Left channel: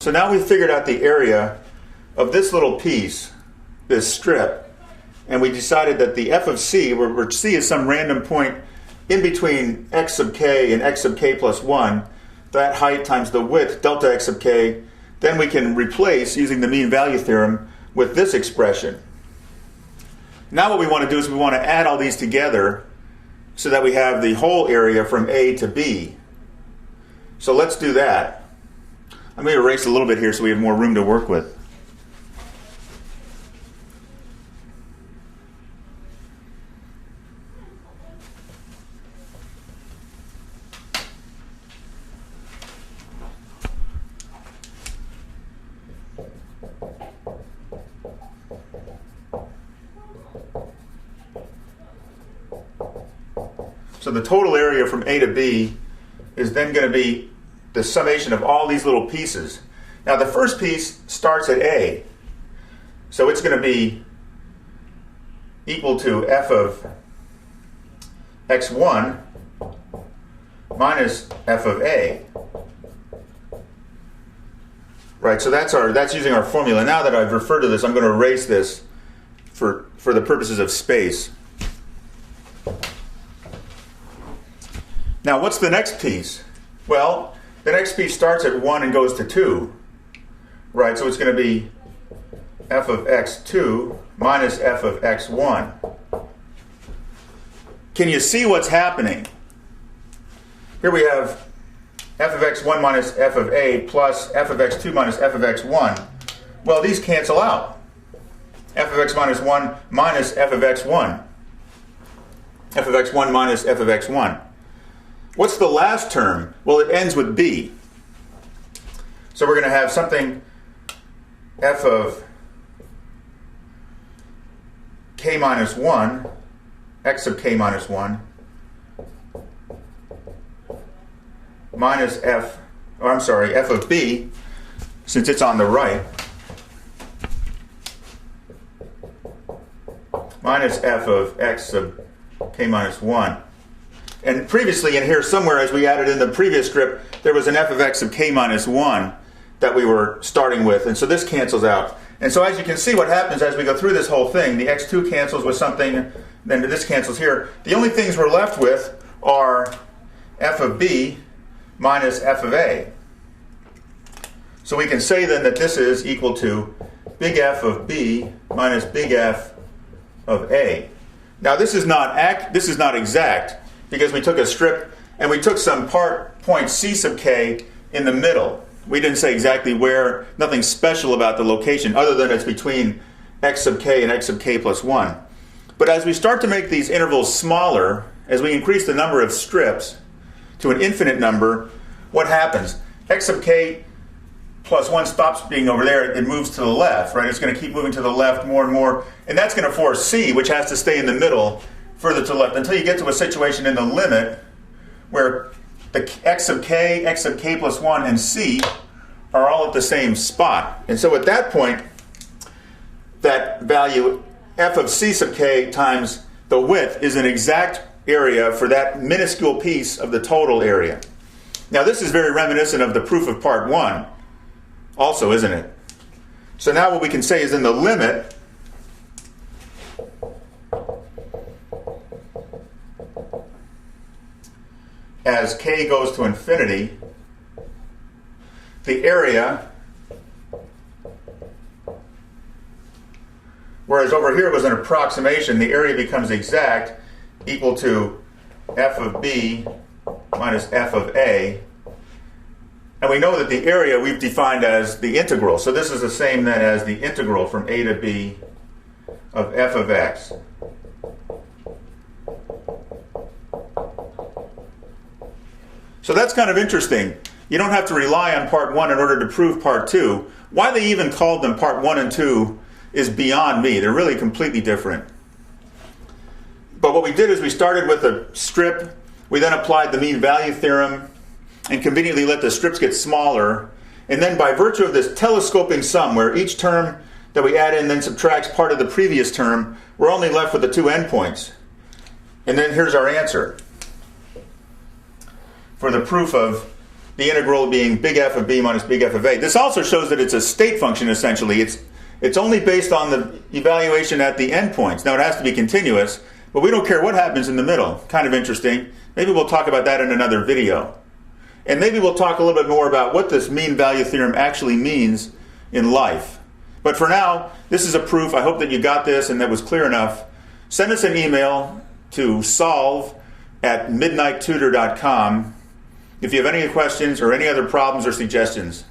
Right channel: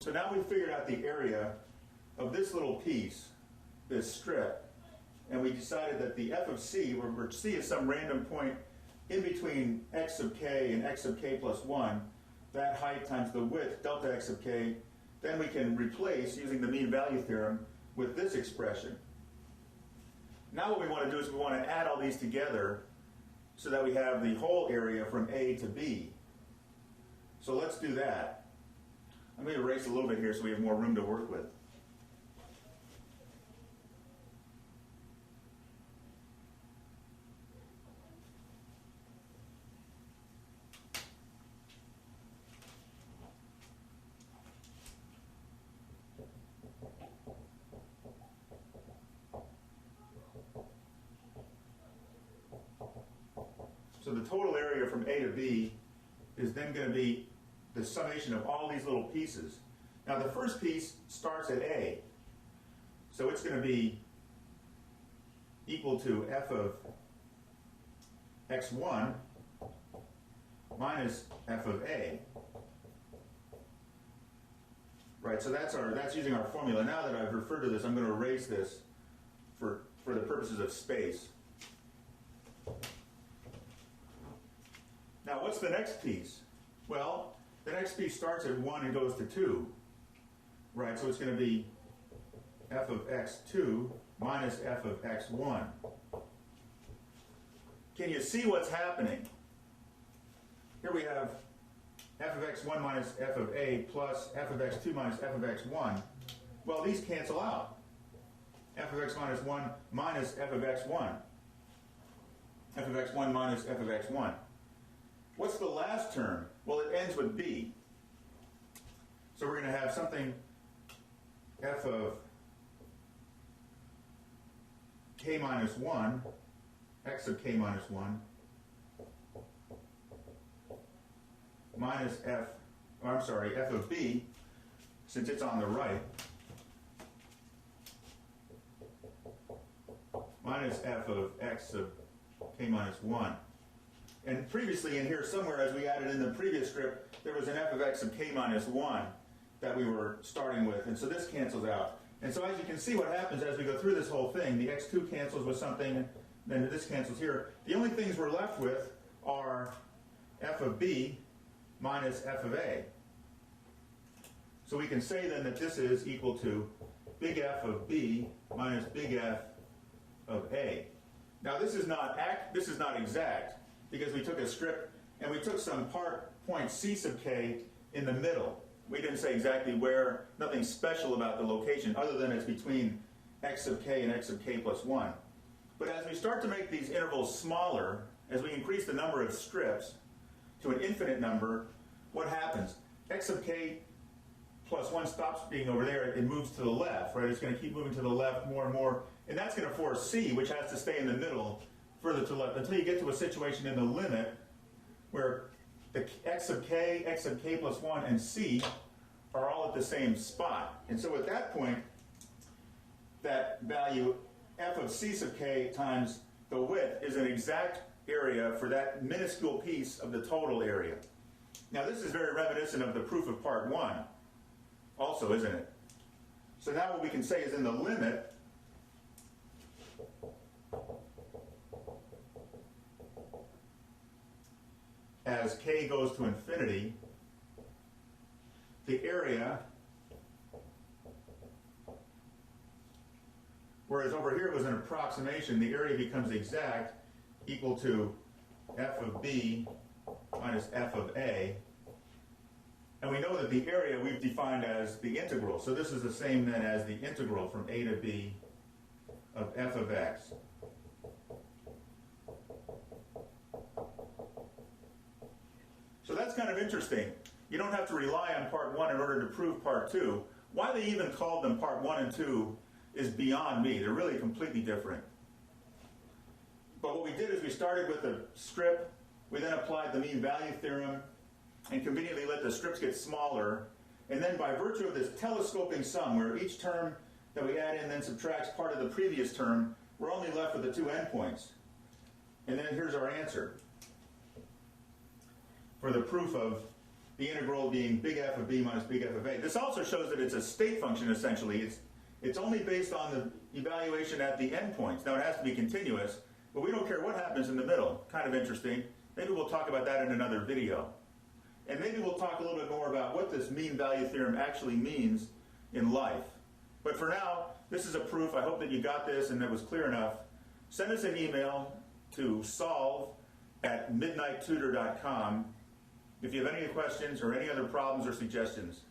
So now we've figured out the area of this little piece, this strip, and we decided that the f of c, where c is some random point in between x sub k and x sub k plus 1, that height times the width, delta x sub k, then we can replace, using the mean value theorem, with this expression. Now what we want to do is we want to add all these together so that we have the whole area from A to B. So let's do that. I'm going to erase a little bit here so we have more room to work with. So the total area from A to B is then going to be the summation of all these little pieces. Now the first piece starts at A, so it's going to be equal to f of x1 minus f of A. Right, so that's using our formula. Now that I've referred to this, I'm going to erase this for the purposes of space. Now what's the next piece? Well, the next piece starts at 1 and goes to 2. Right, so it's going to be f of x2 minus f of x1. Can you see what's happening? Here we have f of x1 minus f of A plus f of x2 minus f of x1. Well, these cancel out. F of x minus 1 minus f of x1. F of x1 minus f of x1. What's the last term? Well, it ends with b. So we're going to have something f of k minus 1, x of k minus 1, minus f of b, since it's on the right, minus f of x sub k minus 1. And previously in here somewhere, as we added in the previous script, there was an f of x of k minus 1 that we were starting with. And so this cancels out. And so as you can see, what happens as we go through this whole thing, the x2 cancels with something, then this cancels here. The only things we're left with are f of b minus f of a. So we can say then that this is equal to big F of b minus big F of a. Now this is not exact, because we took a strip and we took some point C sub k in the middle. We didn't say exactly where, nothing special about the location other than it's between x sub k and x sub k plus 1. But as we start to make these intervals smaller, as we increase the number of strips to an infinite number, what happens? X sub k plus 1 stops being over there, it moves to the left, right? It's going to keep moving to the left more and more, and that's going to force C, which has to stay in the middle, further to the left, until you get to a situation in the limit where the x sub k plus 1, and c are all at the same spot. And so at that point, that value, f of c sub k times the width, is an exact area for that minuscule piece of the total area. Now this is very reminiscent of the proof of part 1 also, isn't it? So now what we can say is in the limit, as k goes to infinity, the area, whereas over here it was an approximation, the area becomes exact, equal to f of b minus f of a. And we know that the area we've defined as the integral. So this is the same then as the integral from a to b of f of x. So that's kind of interesting. You don't have to rely on part 1 in order to prove part 2. Why they even called them part 1 and 2 is beyond me. They're really completely different. But what we did is we started with a strip. We then applied the mean value theorem and conveniently let the strips get smaller. And then by virtue of this telescoping sum, where each term that we add in then subtracts part of the previous term, we're only left with the two endpoints. And then here's our answer for the proof of the integral being big F of b minus big F of a. This also shows that it's a state function, essentially. It's only based on the evaluation at the endpoints. Now, it has to be continuous, but we don't care what happens in the middle. Kind of interesting. Maybe we'll talk about that in another video. And maybe we'll talk a little bit more about what this mean value theorem actually means in life. But for now, this is a proof. I hope that you got this and that was clear enough. Send us an email to solve@midnighttutor.com if you have any questions or any other problems or suggestions.